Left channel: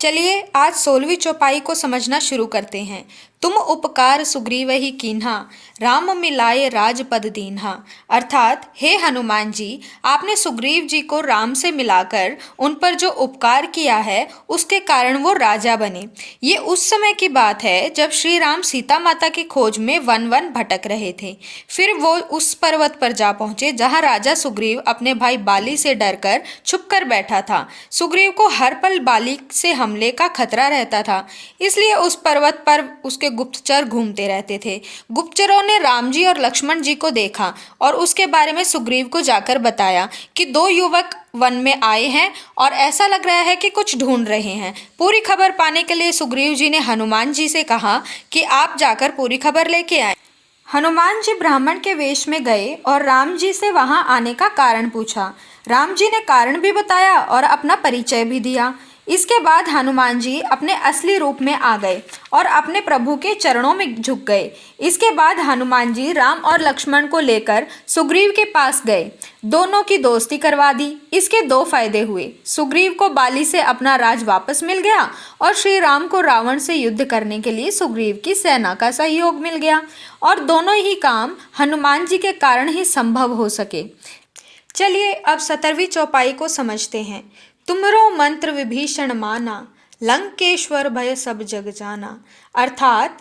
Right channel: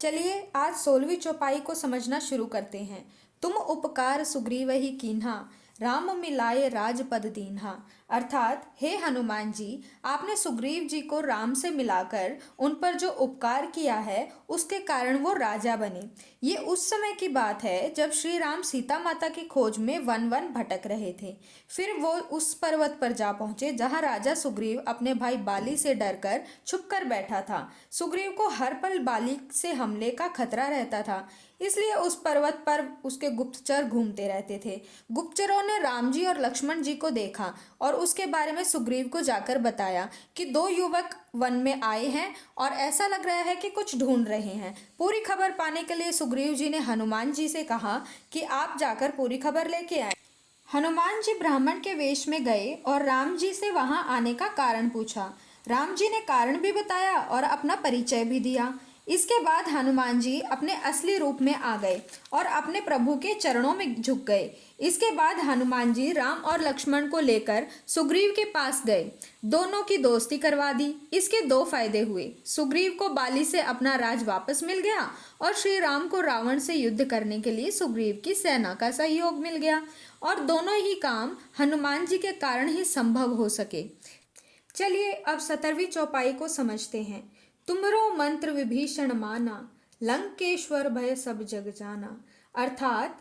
चलिए आज 16वीं चौपाई को समझना शुरू करते हैं। तुम उपकार सुग्रीव ही कीन्हा, राम मिलाए राजपद दीन्हा। अर्थात हे हनुमान जी, आपने सुग्रीव जी को राम से मिलाकर उन पर जो उपकार किया है उसके कारण वो राजा बने। ये उस समय की बात है जब श्री राम सीता माता की खोज में वन वन भटक रहे थे। फिर वो उस पर्वत पर जा पहुंचे जहां राजा सुग्रीव अपने भाई बाली से डरकर छुपकर बैठा था। सुग्रीव को हर पल बाली से हमले का खतरा रहता था, इसलिए उस पर्वत पर उसके गुप्तचर घूमते रहते थे। गुप्तचरों ने राम जी और लक्ष्मण जी को देखा और उसके बारे में सुग्रीव को जाकर बताया कि दो युवक वन में आए हैं और ऐसा लग रहा है कि कुछ ढूंढ रहे हैं। पूरी खबर पाने के लिए सुग्रीव जी ने हनुमान जी से कहा कि आप जाकर पूरी खबर लेके आए। हनुमान जी ब्राह्मण के वेश में गए और राम जी से वहां आने का कारण पूछा। राम जी ने कारण भी बताया और अपना परिचय भी दिया। इसके बाद हनुमान जी अपने असली रूप में आ गए और अपने प्रभु के चरणों में झुक गए। इसके बाद हनुमान जी राम और लक्ष्मण को लेकर सुग्रीव के पास गए। दोनों की दोस्ती करवा दी। इसके दो फायदे हुए। सुग्रीव को बाली से अपना राज वापस मिल गया और श्री राम को रावण से युद्ध करने के लिए सुग्रीव की सेना का सहयोग मिल गया। और दोनों ही काम हनुमान जी के कारण ही संभव हो सके। चलिए अब 17वीं चौपाई को समझते हैं। तुमरो मंत्र विभीषण माना, लंकेश्वर भय सब जग जाना। अर्थात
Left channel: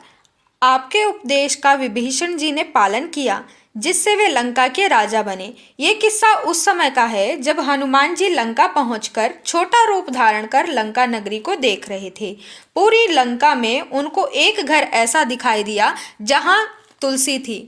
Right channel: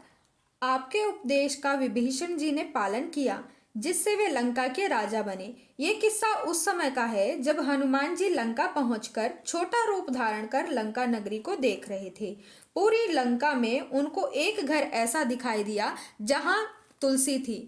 आपके उपदेश का विभीषण जी ने पालन किया जिससे वे लंका के राजा बने। ये किस्सा उस समय का है जब हनुमान जी लंका पहुंचकर छोटा रूप धारण कर लंका नगरी को देख रहे थे। पूरी लंका में उनको एक घर ऐसा दिखाई दिया जहां तुलसी थी।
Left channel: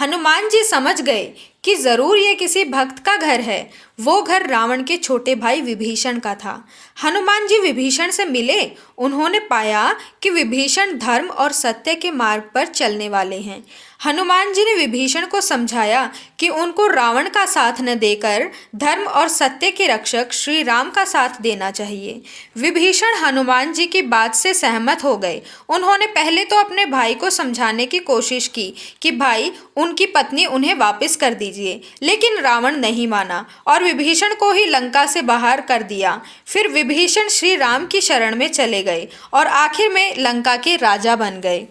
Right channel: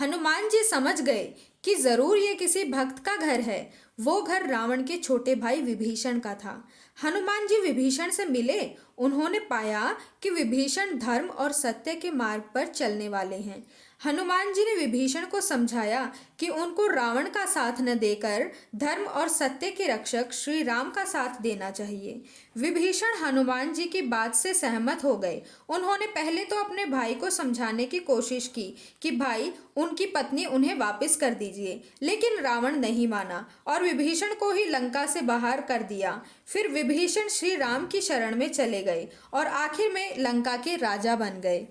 हनुमान जी समझ गए कि जरूर ये किसी भक्त का घर है। वो घर रावण के छोटे भाई विभीषण का था। हनुमान जी विभीषण से मिले। उन्होंने पाया कि विभीषण धर्म और सत्य के मार्ग पर चलने वाले हैं। हनुमान जी ने विभीषण को समझाया कि उनको रावण का साथ न देकर धर्म और सत्य के रक्षक श्री राम का साथ देना चाहिए। विभीषण हनुमान जी की बात से सहमत हो गए। उन्होंने पहले तो अपने भाई को समझाने की कोशिश की कि भाई उनकी पत्नी उन्हें वापस कर दीजिए, लेकिन रावण नहीं माना और विभीषण को ही लंका से बाहर कर दिया। फिर विभीषण श्री राम की शरण में चले गए और आखिर में लंका के राजा बन गए।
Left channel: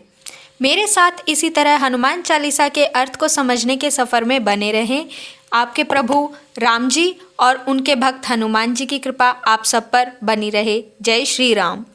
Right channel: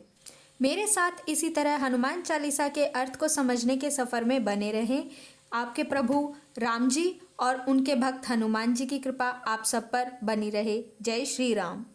मेरे साथ इसी तरह हनुमान चालीसा के अर्थ को समझने के सफ़र में बने रहें। आपके प्रभु राम जी और उनके भक्त हनुमान जी की कृपा आप सब पर बनी रहे। जय श्री राम।